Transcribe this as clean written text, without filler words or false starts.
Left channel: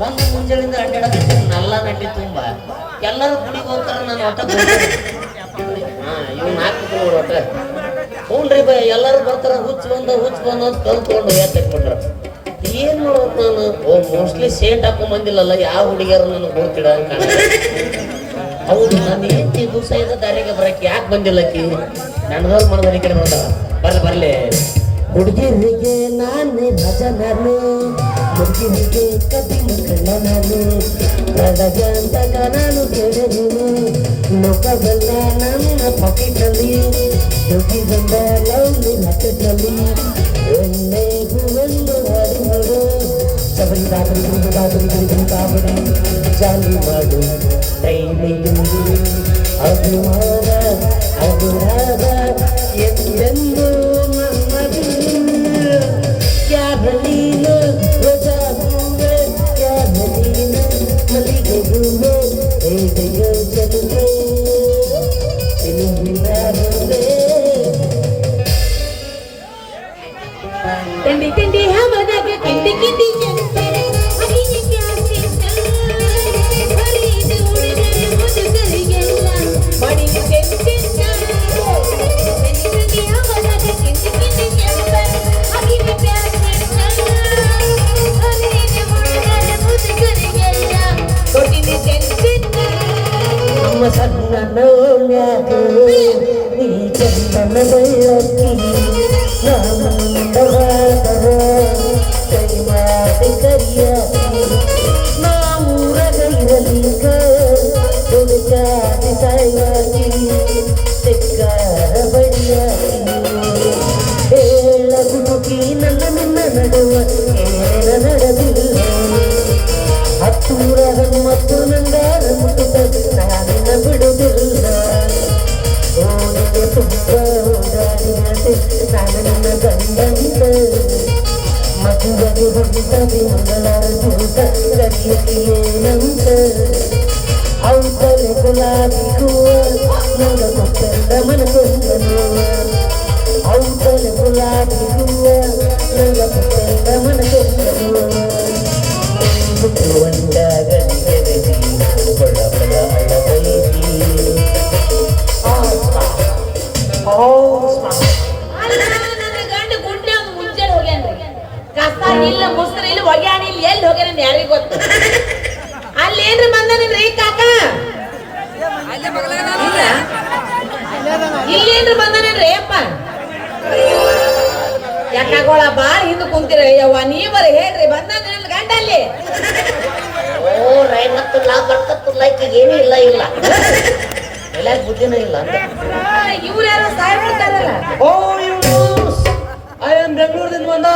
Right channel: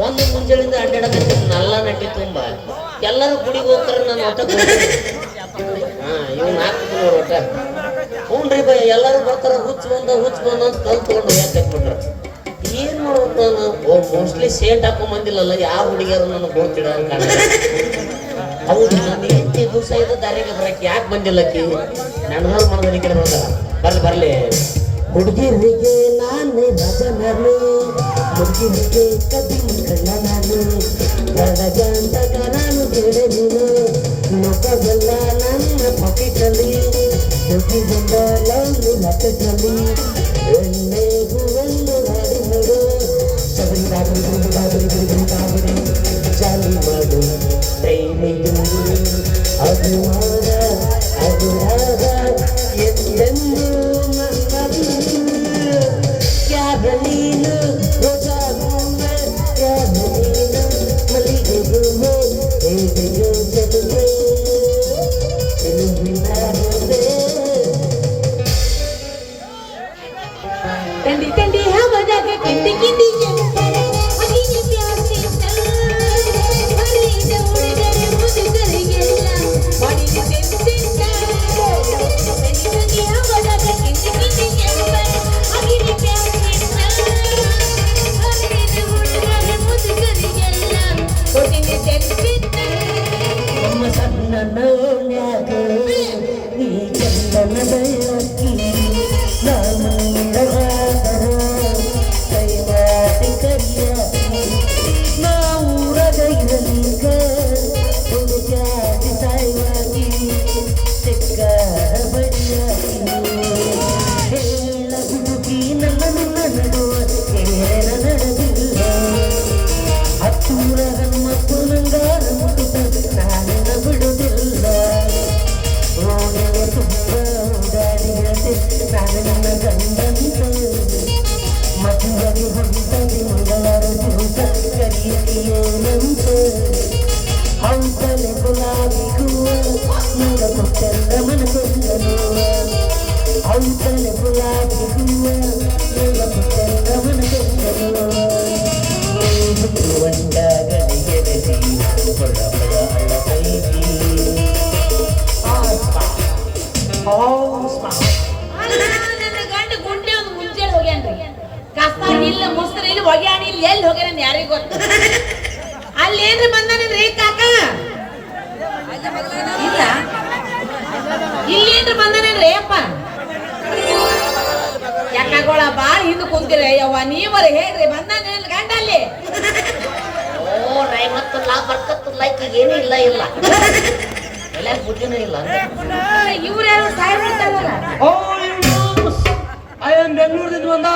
ಒಂದು ಮುಂಜಾನಿಂದ ಅಡ್ಡಾಡ ನಲ್ಲ ನಟ್ಟಿ ತುಂಬ ಎಲ್ಲರೂ ಗುಡಿಗೆ ಹೋಗ್ತಾರ ನಾನು ಒಟ್ಟ ಇವ್ ನಾಲ್ಕು ನೋಡ್ರಿ ಒಟ್ಟ ಹ್ಞೂನ್ರಿ ಬೈ ಎಲ್ಲರೂ ಬರ್ತಾರ ಹುಚ್ಚ ಬಂದು ಅಂತ ಕಲ್ತ್ಕೊಂಡು ಎತ್ತಿಟ್ಬಿಟ್ರ ಏನ್ ಮಾಡೋದು ನಾನು ಮೋಸ್ಟ್ಲಿ ಸೇಂಟ್ ಹಾಕೊಂಡ್ ಬಂದಿಲ್ಲಲ್ಲ ಯಾವ ಹುಡುಗಿಯರು ನನಗೆ ಗೊತ್ತಿಡ ಅಂತ ಹೌದು ನಾನು ಏನ್ ದಿವಸ ಇದ್ದ ದಾರಿಗೆ ಬರಕ್ಕೆ ಯಾಕೆ ಬಂದಿಲ್ಲಕ್ಕಿ ನನಗಾರು ಮನದಲ್ಲಿ ಕಡೆ ಬಂದಾರ ಬರ್ಲಿ ಹುಡುಗಿರಿಗೆ ನಾನೇ ರಾಜ ನಾನು ಹುಡುಗಿರಿಗೆ ಕಬ್ಬಿನ ಕಳ್ಳ ನಾನು ಬಡಗಂತಕ ನಾನು ಕೇಳೆ ನೀನು ಲೋಕವೆಲ್ಲ ನನ್ನ ಪಾಕೆಟಲ್ಲಿ ಹುಡುಗಿಗೊಂದ ಲವ್ಲಿ ಲಕ್ಕಲ್ಲಿ ಎಣ್ಣೆ ಹೂವೆಂದು ಹಾಡು ನೋಡು ಸಬರಿ ಕಾಬರಿ ಜಾಲಿ ಮಾಡು ಟೈಮಿದು ಅಭಿಮಾನ ಅಭಿರಾದ ಎಂದೆಂದು क्या बलीनो रोजा घूमे क्या बलीनो मलिके घूमे गयो चलवे दिल बिना होवे टंडी टंडी हमारा के किंदी किंदी अभी के प्यार से हरी जमुने करे मुझे करे गया बड़ी टेंशन टंडी टंडी हमारा के किंदी किंदी अभी के प्यार ನಮ್ಮ ಸಣ್ಣ ನೋಡ್ಯಾಗ ಈ ಚಂದನ ಬೆಳಕಿ ನಮ್ಮಂದವಾದರ ಕೈ ಮಾತಿ ಕರಿಯಾಕಿ ನಾವೂರಗೈರಲಿಗ ಹುಡುಕಾಟಿ ಸಾಯ್ವಾಗಿ ಸಿಕ್ಕ ಬಡಿಯಾಕಿ ಹೇಳ ಹುಡುಕಿ ನನ್ನ ನಿನ್ನ ನಡುವ ಏನ ನಡೆದಿಲ್ಲ ಹತ್ತೂರ ಮತ್ತು ನಂಗಾರ ಮುಟ್ಟಿದ ನಾನಿನ ಬಿಡುವುದಿಲ್ಲ ಓನಿಗೆ ತುಂಬ ಓಡಾಡಿಯದೆ ನಾನು ನನ್ನ ಗಂಡಂತ ಮಗುವಾಗಿ ಹೊಂದ ತಿಂಗಳಾರ ಚಿಂತ ಕರಿಯೇನಂತ ಹೌದಲೆ ಗುಲಾಬಿ ಹೂವ ನನ್ನ ಮುಟ್ಟಂದ ಮನಸೊಂದ ನೋವ ಹೌದಲೆ ಗುಲಾಬಿ ಹೂವ ನನ್ನ ಮುಟ್ಟಂದ ಮನಸೊಂದ ನೋವ ಇಲ್ಲ ಮುಸ್ತ್ರ ಇಲ್ಲ ಒಗ್ಯಾಣ ಇಲ್ಲಿ ಎಲ್ಲಿ ಹೋಗ್ಯಾರ ಯಾರಿಗೆ ಗೊತ್ತ ಅಲ್ಲಿ ಏನ್ರಿ ಬಂದನೇನ್ರಿ ಕಾಕ ಇಲ್ಲಿ ಏನ್ರಿ ಬಂದನೇನ್ರಿ ಅಪ್ಪ ಯಾಕಾಗೋಳ ಬಾಳ ಹಿಂದ ಕುಂತಿರ ಯವ್ವ ನೀವರ ಹೇಳ್ರಿ ಬಂದಾನೇನ್ ಗಂಡ ಅಲ್ಲಿ ಓ ರೈ ಮತ್ತು ನಾ ಬರ್ತಲ್ಲ ಏನೂ ಇಲ್ಲ ಎಲ್ಲ ಬುದ್ಧಿನೂ ಇಲ್ಲ ಇವ್ರು ಯಾರೋ ಸಾಯ್ಬಿಡ್ತಾರಲ್ಲ ಓ ಐ ಆಮ್ ಬೆಂಗಳೂರಿಂದ ಬಂದ